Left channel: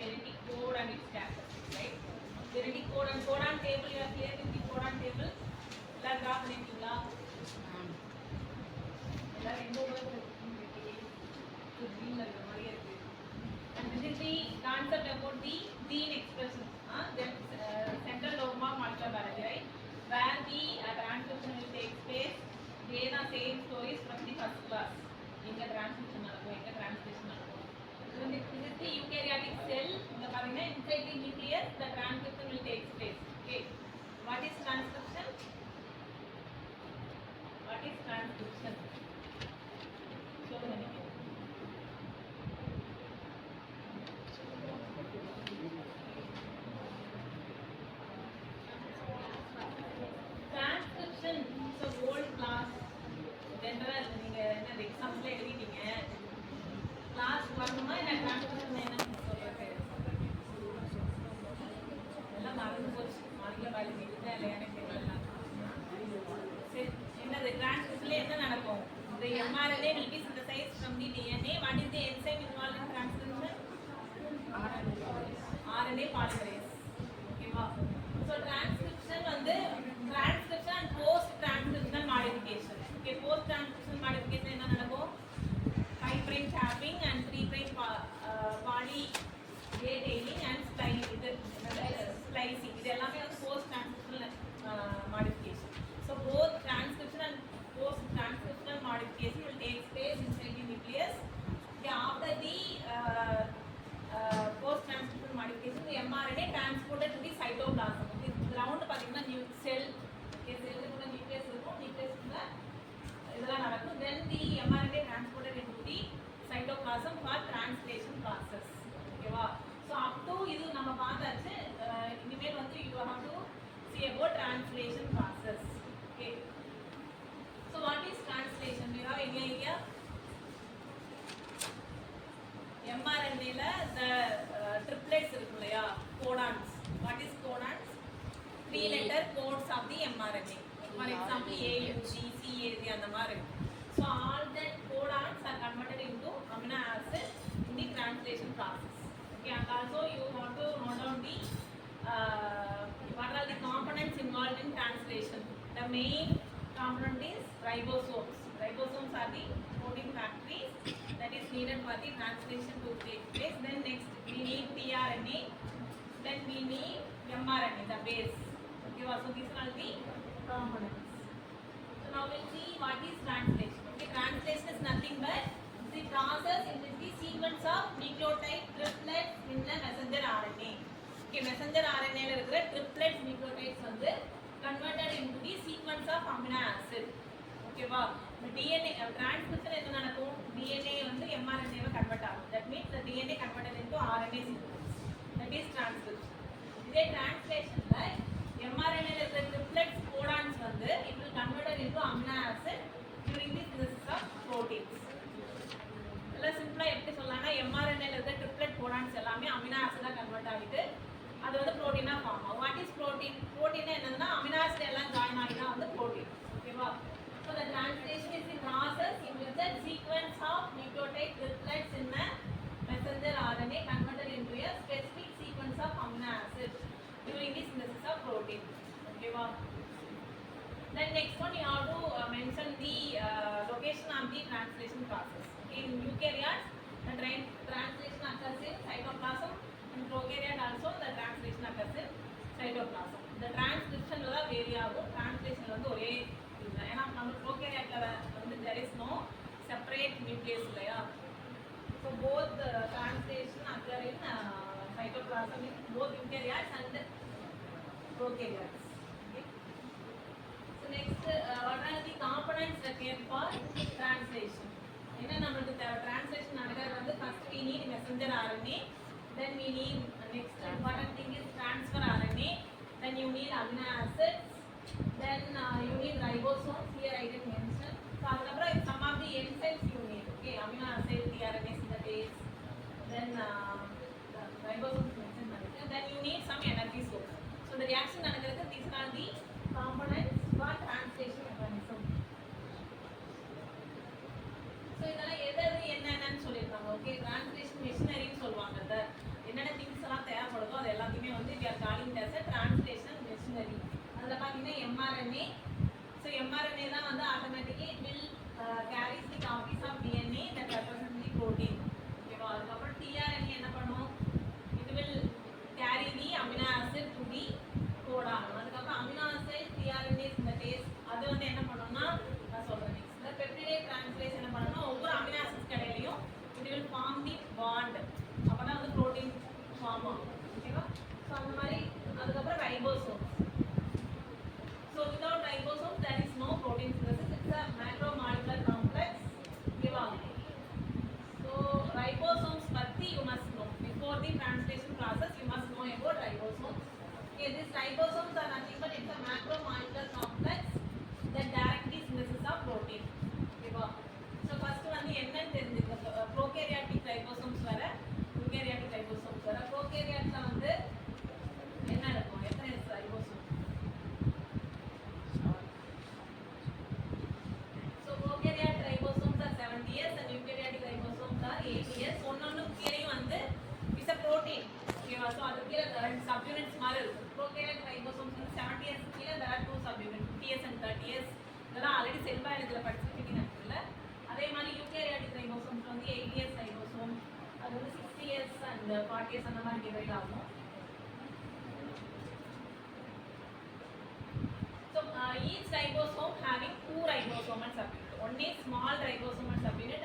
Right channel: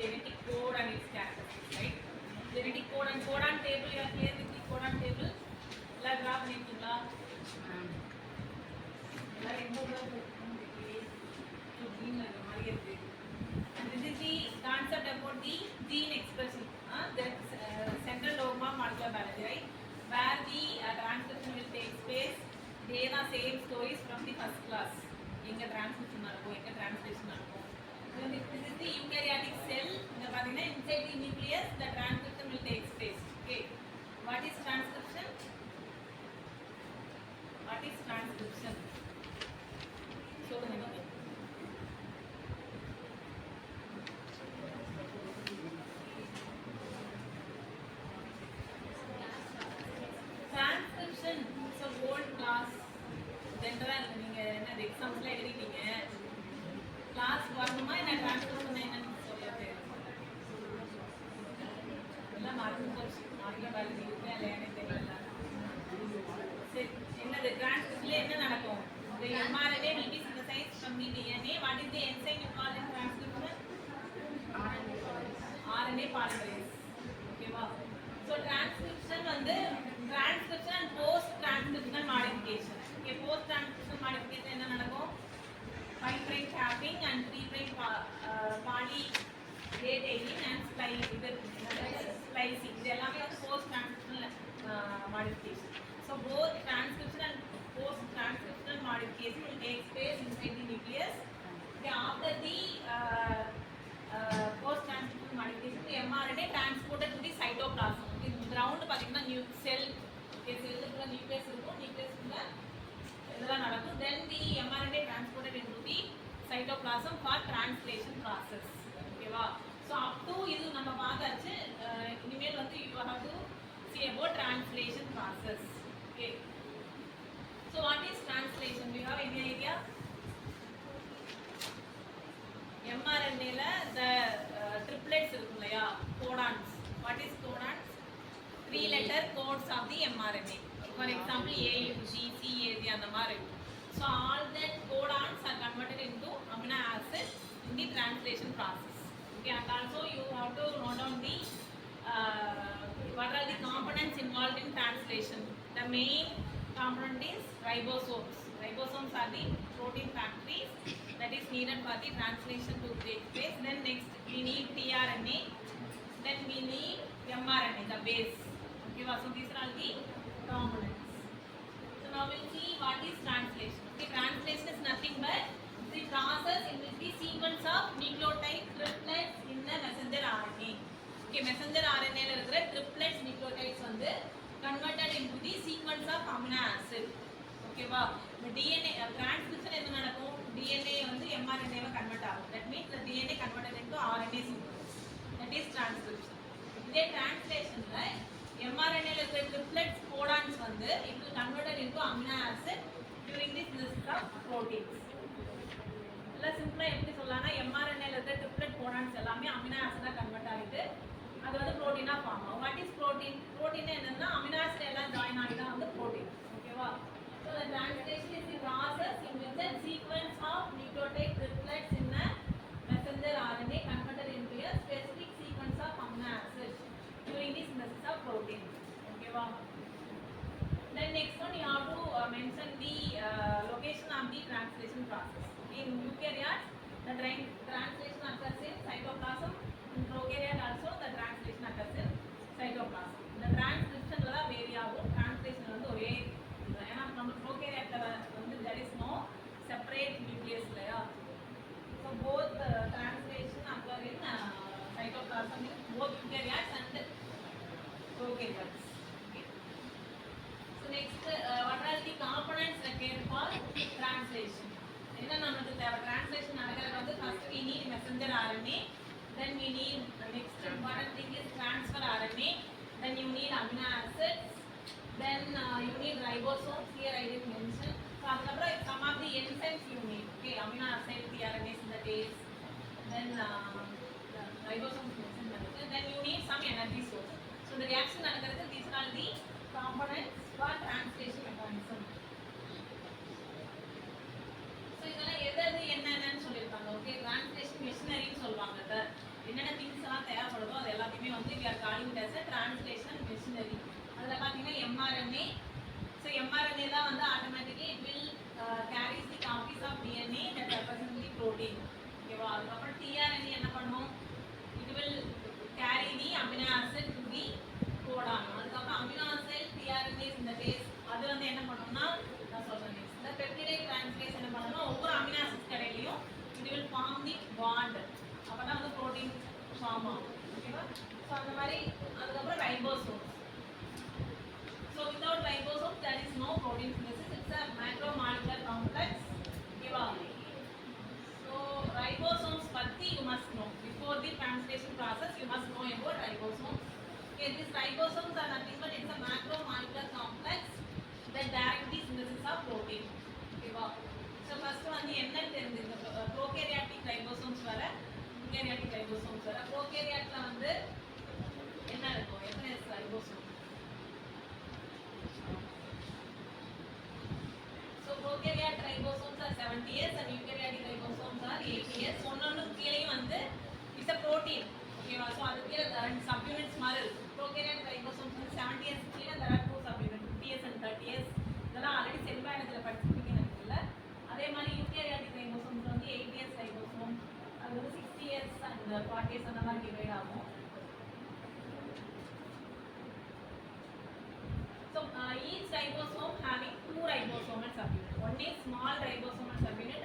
genetic code and its characteristics, right? Genetic code and codon table, you are clear with the codon table? எல்லாம் draw பண்ணிருக்கீங்களா? எல்லாம் எந்த ஊர்ல இருக்கு? And this is the concept about the gene expression, the central dogma of molecular biology, right? Where the transcription will take place. They are same stories from the first class. Inga transcription நடக்கும், inga translation நடக்கும். This is the eukaryotic cell. இந்த பாத்தீங்கன்னா inside the nucleus the transcription will take place. Okay. What is transcription? What is transcription? சொல்லுங்க நீங்க. Transcription is a whole class. General நீங்க என்ன எக்ஸாம்ஸ்ல எழுதிட்டீங்க. Class வரணுமா என்ன டிரான்ஸ்கிரிப்ஷன் என்னன்னு சொல்லிட்டு எல்லாம் மறந்து போச்சு. மார்க்ல பயாலஜி இருக்கா இல்லையா எனக்கு தெரியல. சரி, என்னது டிரான்ஸ்கிரிப்ஷன்ல என்ன நடக்கும்? The mRNA will be synthesized from the DNA. What is the enzyme involved in transcription? RNA polymerase. ஓகேவா? So transcription வந்து transcription and post transcriptional modification. Okay, post transcriptional modification என்ன நடக்கும்? 5 prime tapping and 3 prime poly A tailing and splicing. இது எல்லாமே வந்து post transcriptional modification. So both transcription and post transcriptional modification will take place inside the nucleus. Okay, after the post transcriptional modification, the mRNA transported to the cytoplasm. Okay, ground பாத்தீங்கன்னா cell, okay, cell குள்ள nucleus இருக்கும், nucleus குள்ள இதெல்லாம் நடக்கும். Then the mRNA transported into the cytoplasm for translation process. ஓகேவா? So up to இது நம்ம பார்த்தாச்சு. இனிமேல் வந்து you have to see about translation process. Okay. So what is translation? Do you have any idea? mRNA ல the triplets இருக்கு இல்லையா, codons. What is codons? 3 letter codes of the mRNA. For example, A, U, G, C, A, G அந்த மாதிரி. So all that codons are converted into amino acid in the translation process. Okay, and also you have to note down the what are the components involved in translation. The main component is ribosomes. Ribosomes are the protein factories that is needed for the translation to take place. Then next we need tRNA. Then we need mRNA, the base. Okay, so these are the components. So now we'll see what is translation. Okay, translation is nothing but the process in which the sequence of nucleotide triplets in the messenger RNA. Okay, messenger RNA ல இருக்கிற triplets nucleotides வந்து converted into the sequence of amino acid. ஓகேவா? DNA transcription என்ன நடக்கும்? DNA வந்து mRNA வை convert ஆகும். That means the DNA converted into RNA sequence. That is transcription. இதே translationல mRNA ல இருக்கிற triplets codons வந்து it will converted into amino acid during the synthesis of proteins. எல்லாம் சிம்பிளா எப்படி சொல்லலாம்னா mRNA ல இருக்கிற triplet codons எல்லாமே amino acid ஆ கன்வெர்ட் ஆகிட்டு அது வந்து புரோட்டீனா ஃபார்ம் ஆகும். What is protein? புரோட்டீன் என்னன்னா அமினோ ஆசிட் எல்லாம் ஜாயின் ஆகி தான் வந்து புரோட்டீன். ஓகேவா? So the translation is the process in which the sequence of nucleotide triplets in a messenger RNA converted into a specific sequence of amino acids during the synthesis of protein. ஓகேவா? Then next one you have to mention the location of the translation process. In eukaryotes, the translation occurs in cytoplasm. In prokaryote also the translation occurs in cytoplasm. The transcription la vary ஆகும், translation வந்து ஒரே இதுதான். ஏன்னா நம்ம prokaryote ல வந்து there is no separate nucleus இல்லையா. So both translation occur in cytoplasm in both eukaryotes and prokaryotes. Okay. So next what are the components required for translation? என்ன நமக்கு translation நடக்கிறது வந்து first we need messenger RNA. Then we need next important thing is transfer RNA. Then you need amino acids. Then you need ribosomes. Here I didn't mention. So adapra some of the enzymes you need. Okay, amino acid, tRNA synthetase. Then ribosomes mentioned. Then you need some energy source. So the reaction நடக்கிறது these are the components for translation mechanism. So இதெல்லாம் எது என்னன்னு சொல்லிருக்காங்க. Okay, translation மெஷினரின்னு சொல்லுவாங்க. என்னென்ன things mRNA. So mRNA தான் வந்து automatically it will carries the copies of DNA that represent the protein. ஓகேவா? அதுக்கப்புறம் tRNA என்ன பண்ணும்? It will carry the amino acid to the codon. அதுக்கப்புறம் amino acid tRNA synthetase அது வந்து என்ன பண்ணும்னா நான் சொல்றேன் next. இந்த peptide transferase என்ன பண்ணும்னா ஒவ்வொரு amino acids கடையிலயும் it will form the bond. அப்பதான் வந்து protein form ஆகும். ஓகேவா? So அந்த மாதிரி அதுக்கப்புறம் ribosomes. So without ribosomes there is no protein synthesis. It's a macromolecular complex. ஓகேவா? So ribosomes பத்தி you must know. Before the translation process you must know about ribosomes. Okay, these ribosomes are nothing but it's a macromolecular complex that directly synthesis of protein. ஓகேவா? So first வந்து என்னன்னு தெரிஞ்சுக்க prokaryotic ribosomes வர eukaryotic ribosomes வர prokaryotல வந்து என்ன இருக்கும்? எத்தனை ribosome? So prokaryotic ribosomes are 70S and eukaryotic ribosomes are 80S. ஒன்னொன்னு கீழேயும் வந்து is a protein. ஓகேவா? So அது கீழே ரெண்டு subunits மாதிரி இருக்கு. Prokaryotic ribosomes வந்து 70S கீழே there are two subunits 50S and 30S. இதெல்லாம் ஆல்ரெடி செல் பயாலஜில படிச்சிருக்கீங்க இல்ல? அதே மாதிரி eukaryotic ribosomes வந்து 80S ribosome அது வந்து 60S and 40S அந்த மாதிரி டிவைட் ஆகும். So each ribosome having two ribosomal subunits. One is small ribosomal subunit